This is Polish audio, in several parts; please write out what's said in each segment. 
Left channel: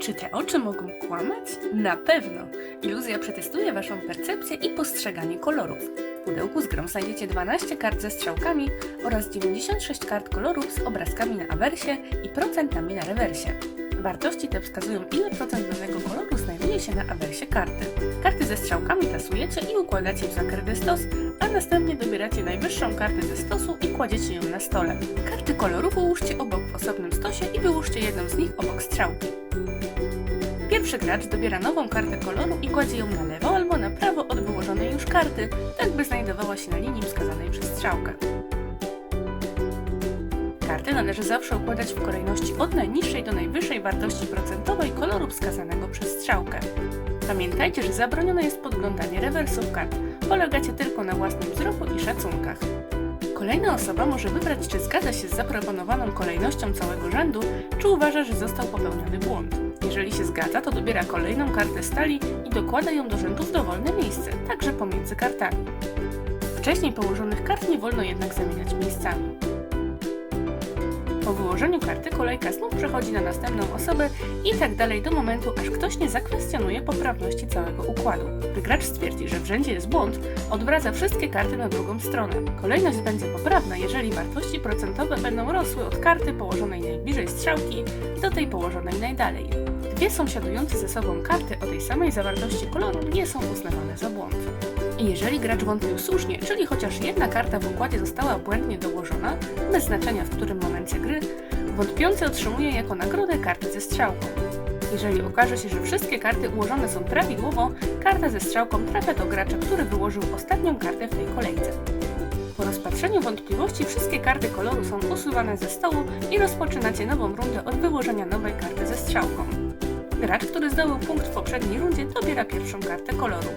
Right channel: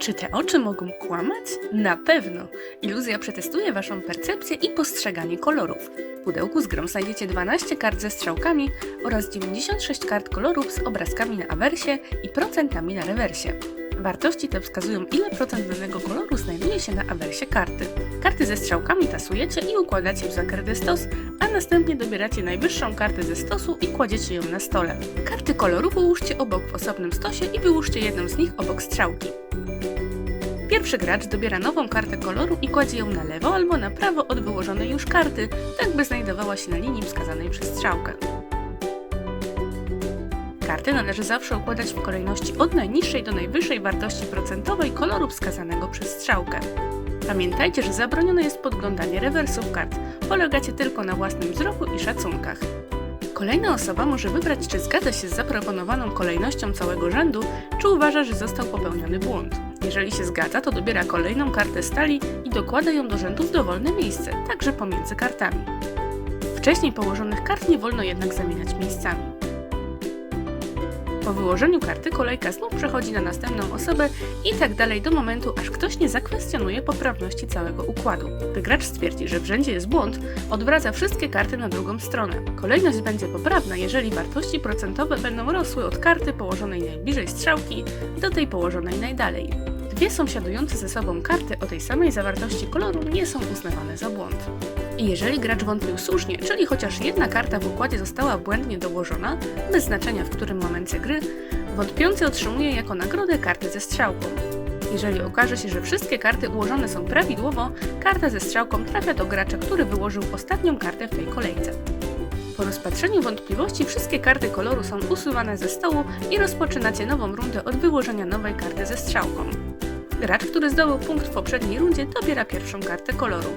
Czy te oczy mogą kłamać? Na pewno! Iluzja przetestuje Waszą percepcję i postrzeganie kolorów. W pudełku z grą znajdziecie 12 kart ze strzałkami oraz 96 kart kolorów z obrazkami na awersie i procentami na rewersie. Wartości te wskazują, ile procent danego koloru znajduje się na awersie karty. Karty ze strzałkami tasujecie i układacie w zakręty stos, a następnie dobieracie najwyższą kartę ze stosu i kładziecie ją na stole. Karty koloru połóżcie obok w osobnym stosie i wyłóżcie jedną z nich obok strzałki. Pierwszy gracz dobiera nową kartę koloru i kładzie ją na lewo albo na prawo od wyłożonej już karty, tak by znajdowała się na linii wskazanej przez strzałkę. Karty należy zawsze układać w kolejności od najniższej do najwyższej wartości procentowej koloru wskazanego przez strzałkę. Pamiętajcie, że zabronione jest podglądanie rewersów kart. Polegacie tylko na własnym wzroku i szacunkach. Kolejna osoba może wybrać, czy zgadza się z zaproponowaną kolejnością całego rzędu, czy uważa, że został popełniony błąd. Jeżeli się zgadza, to dobiera kolejną kartę stali i dokłada ją do rzędu w dowolne miejsce, także pomiędzy kartami. Wcześniej położonych kart nie wolno jednak zamieniać miejscami. Po wyłożeniu karty kolejka znów przechodzi na następną osobę i tak dalej do momentu, aż ktoś nie zakwestionuje poprawności całego układu. Gdy gracz stwierdzi, że w rzędzie jest błąd, odwraca wszystkie karty na drugą stronę. Kolejność będzie poprawna, jeżeli wartości procentowe będą rosły od karty położonej najbliżej strzałki do tej położonej najdalej. Dwie sąsiadujące ze sobą karty o tej samej zawartości koloru nie są uznawane za błąd. I jeżeli gracz wątpił słusznie, czyli chociaż jedna karta w układzie została błędnie dołożona, bez znaczenia w którym momencie gry, wątpiący otrzymuje jako nagrodę kartę ze strzałką. Jeżeli okaże się, że wszystkie karty ułożone są prawidłowo, karta ze strzałką trafia do gracza, który wyłożył ostatnią kartę w tej kolejce. Po rozpatrzeniu wątpliwości wszystkie karty koloru są usuwane ze stołu i rozpoczynacie nową rundę od wyłożenia nowej karty ze strzałką. Gracz, który zdobył punkt w poprzedniej rundzie, dobiera pierwszą kartę koloru.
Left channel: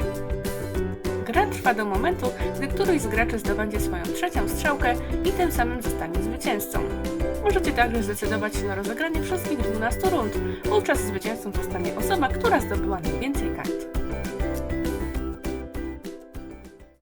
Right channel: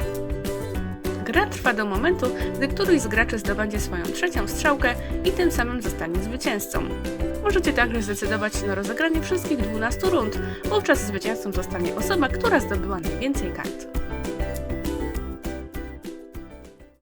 Gra trwa do momentu, gdy któryś z graczy zdobędzie swoją trzecią strzałkę i tym samym zostanie zwycięzcą. Możecie także zdecydować się na rozegranie wszystkich 12 rund. Wówczas zwycięzcą zostanie osoba, która zdobyła najwięcej kart.